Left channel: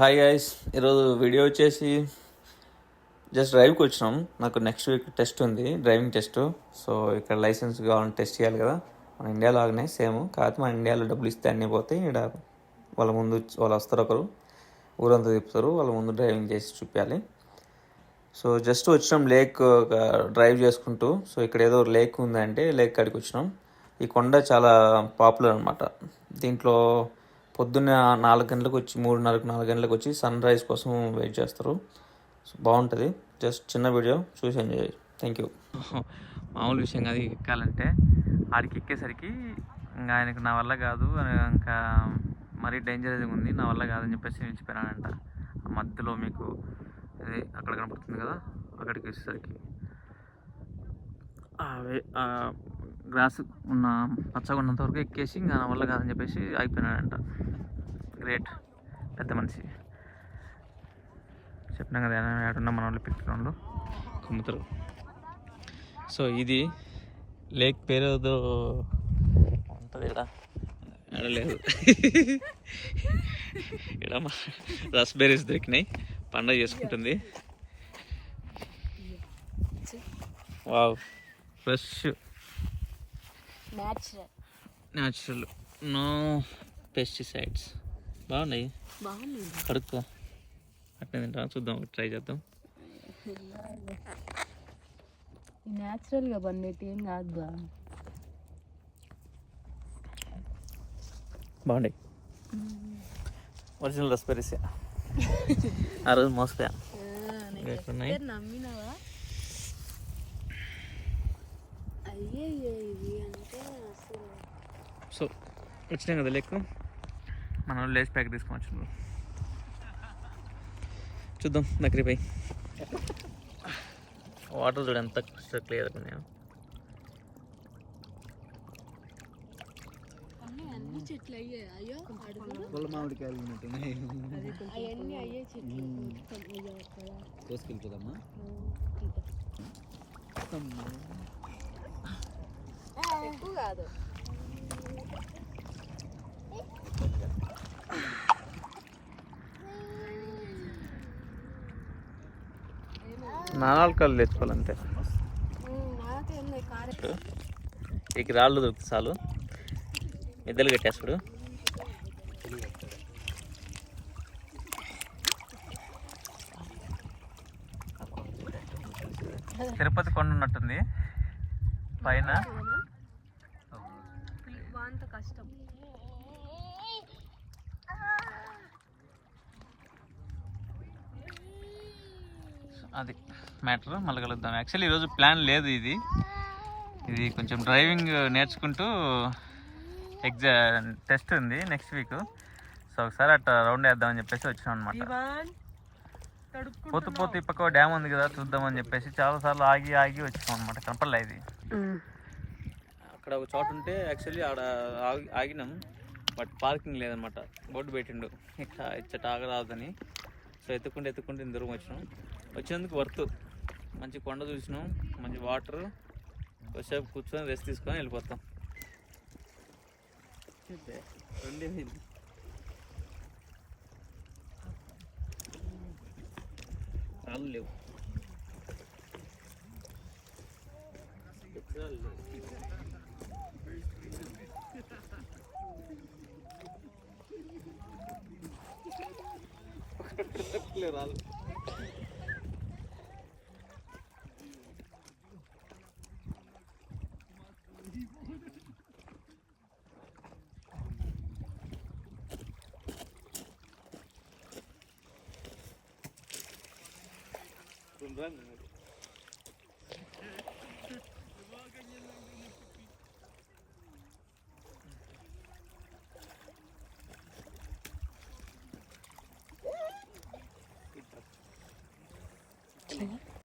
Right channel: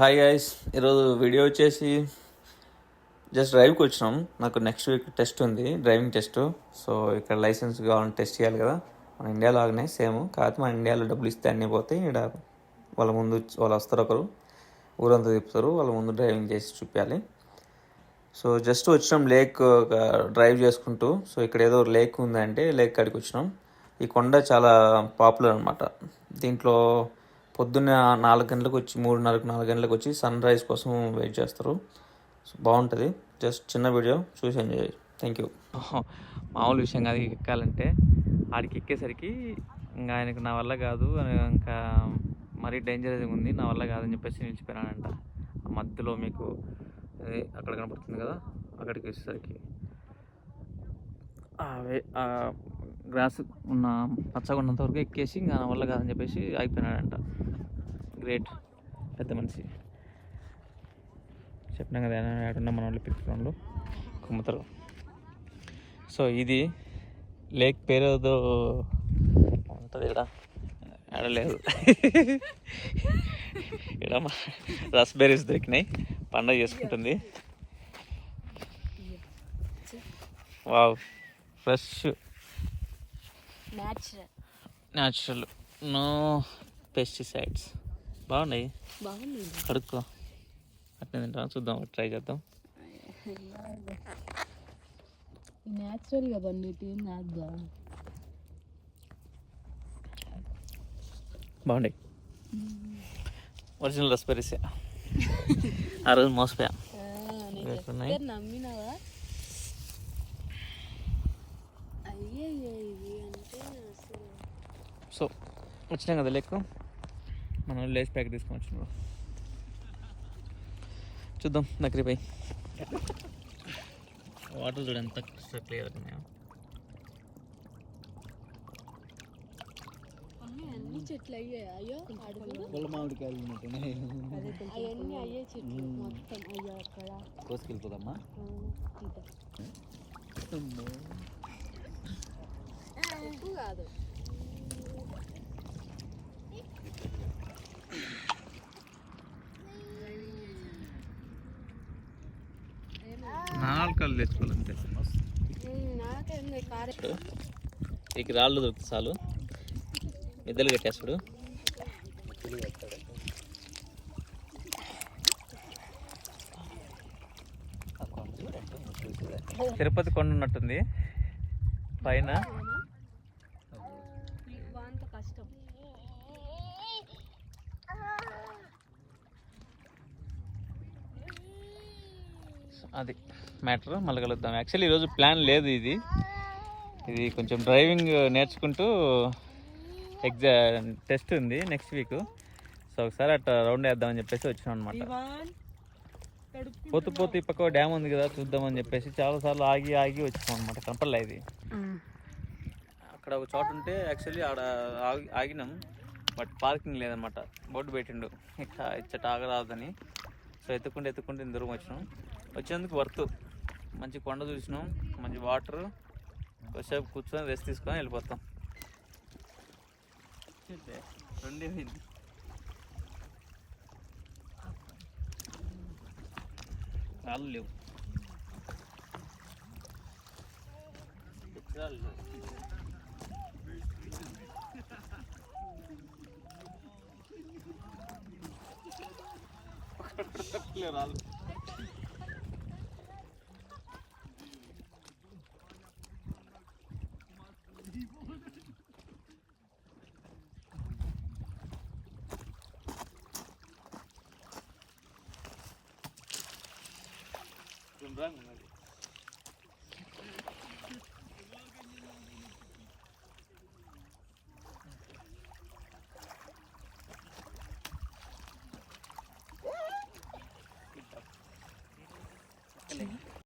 Hi guys, ఈరోజు video వచ్చేసి just డ్రైవ్కి వచ్చినాం. నాకు నెక్స్ట్ వీక్ టెస్ట్ ఉంది, డ్రైవింగ్ టెస్ట్. సో ఇక్కడ లైసెన్స్ కావాలని టెస్ట్ చేయాలి కదా, మన ఇండియాలో లాగానే సేమ్. కాకపోతే మన ఇండియాలో డబ్బులు ఇస్తే అన్నీ పోతాయి. ఇక్కడ వాళ్ళు వస్తారు, ఒకరు ఊరంతా తిప్పుతారు, వాళ్ళ ముందు డ్రైవింగ్ చేసి చూపించాలి. సో జస్ట్ వచ్చినాం లేక్ డ్రైవ్ చేసుకుంటూ. సో ఇక్కడ ఏదో లేక్ ఉందంటే లేక్ కాడికి వచ్చినాం. ఈ కొండ చాలా పాపులర్ అనమాట. దీంట్లో పొద్దున్న 4 గంటలకు వచ్చి 3:30-4 గంటలకు వచ్చి సన్ రైజ్ కోసం వెయిట్ చేస్తారు. సో బాగుంటుంది. జస్ట్ చిన్న వీడియో చూసి ఎంజాయ్. Thank you. మామూలు విషయం కాదు, ఎక్కాలంటే ఆడికి ఎక్కేసరికి ఇంకా ఆయనకు నా వల్ల కాదు, ఇంకా మరీ డేంజరస్గా ఉంది, నా వల్ల కాదని చెప్పేసి నిలిచిపోయినాడంట. ఆ మధ్యలో మీకు అక్కడ కనపడుతుంది కదా, అక్కడికి వచ్చేసరికి గ్రాస్ ఉన్న పచ్చగా ఉన్నంత వరకు ఎక్కేసి ఇంకా నా వల్ల కాదని చెప్పేసి ఆగిపోయినాడంట. గ్రేట్, పెద్ద మనిషి. చెప్పినా కదా ఏడున్నా మన వాళ్ళు పిల్లలు అమ్ముతారు. సో ఇది లేక్ పేరు ఏదో ఉంటుంది, ఇక్కడ ఆడలేదు. ఇక్కడ రాస్బెర్రీస్ దొరికినాయి, పండగ చేసుకుంటుంది. Wow, fresh, natural, no pesticides. బాగున్నాయి, కడుక్కో. అట్నే తింటా, చూద్దాం, ట్రై చేద్దాం. న్యాచురల్గా పండితే ఏం కాదు, బాగున్నాయి. ఒరిజినల్ రస్బెర్రీస్. ఆ రోజు మోసపోయా. నమ్మినావా? సో వచ్చినాం కదా లెక్క, మనం లేస్ ప్యాక్ తీసుకొని వచ్చినాం. చూద్దాం దగ్గరికి పోయి. వాటర్ చూడ ఎంత క్లియర్ ఉన్నాయో. అన్ని చెట్లు అయ్యాయో, మామిడికాయలు అవన్నీ అయ్యే చెట్లు మొత్తం అయ్యా. అక్కడ కోసుకెళ్ళిపోదమ్మా. ఎక్కువ కాదు, నాలుకలు తెచ్చుకోవాలంతే. ఇక రాళ్ళు దొరుకుతుంది చాలు, మిద్దలు కట్టేస్తాడు. తిరుపతి కొండ ఉన్నట్టుంది పైన. కష్టం. అది మ్యాటర్. మళ్ళీ కలుద్దాం. యాక్చువల్లీ ఈరోజు ప్లాన్ లేదు, ఇది కొంచెం డ్రైవింగ్ నేర్చుకుంటూ టెస్ట్ ఉంది నెక్స్ట్ వీక్. సో ఒకసారి అట్లా రౌండ్ వేద్దామని చెప్పేసి వచ్చినాం అనమాట. పోతూ ఈ పక్క డ్యామ్ ఉంది కదా, చూద్దామని చెప్పేసి చాలాసార్లు ఆగి వచ్చినాం అనమాట. కనపడలే ఇది. అక్కడ ఒక చోట ఉంటే యాక్చువల్లీ ఆడ ఆగినాం, బట్ పార్కింగ్ లేదనమాట. బోర్డు పెట్టిండు ఇచ్చట ఆగరాదని. సో ఎత్తుకుంటే దూరం వచ్చినందుకు వర్త్. మంచి కొండ చూసినాం, మంచి వాటర్, కొద్దిసేపు కూర్చొని రెస్ట్ తీసుకొని వెళ్ళిపోతాం. వాళ్ళు లేవు, రాదు.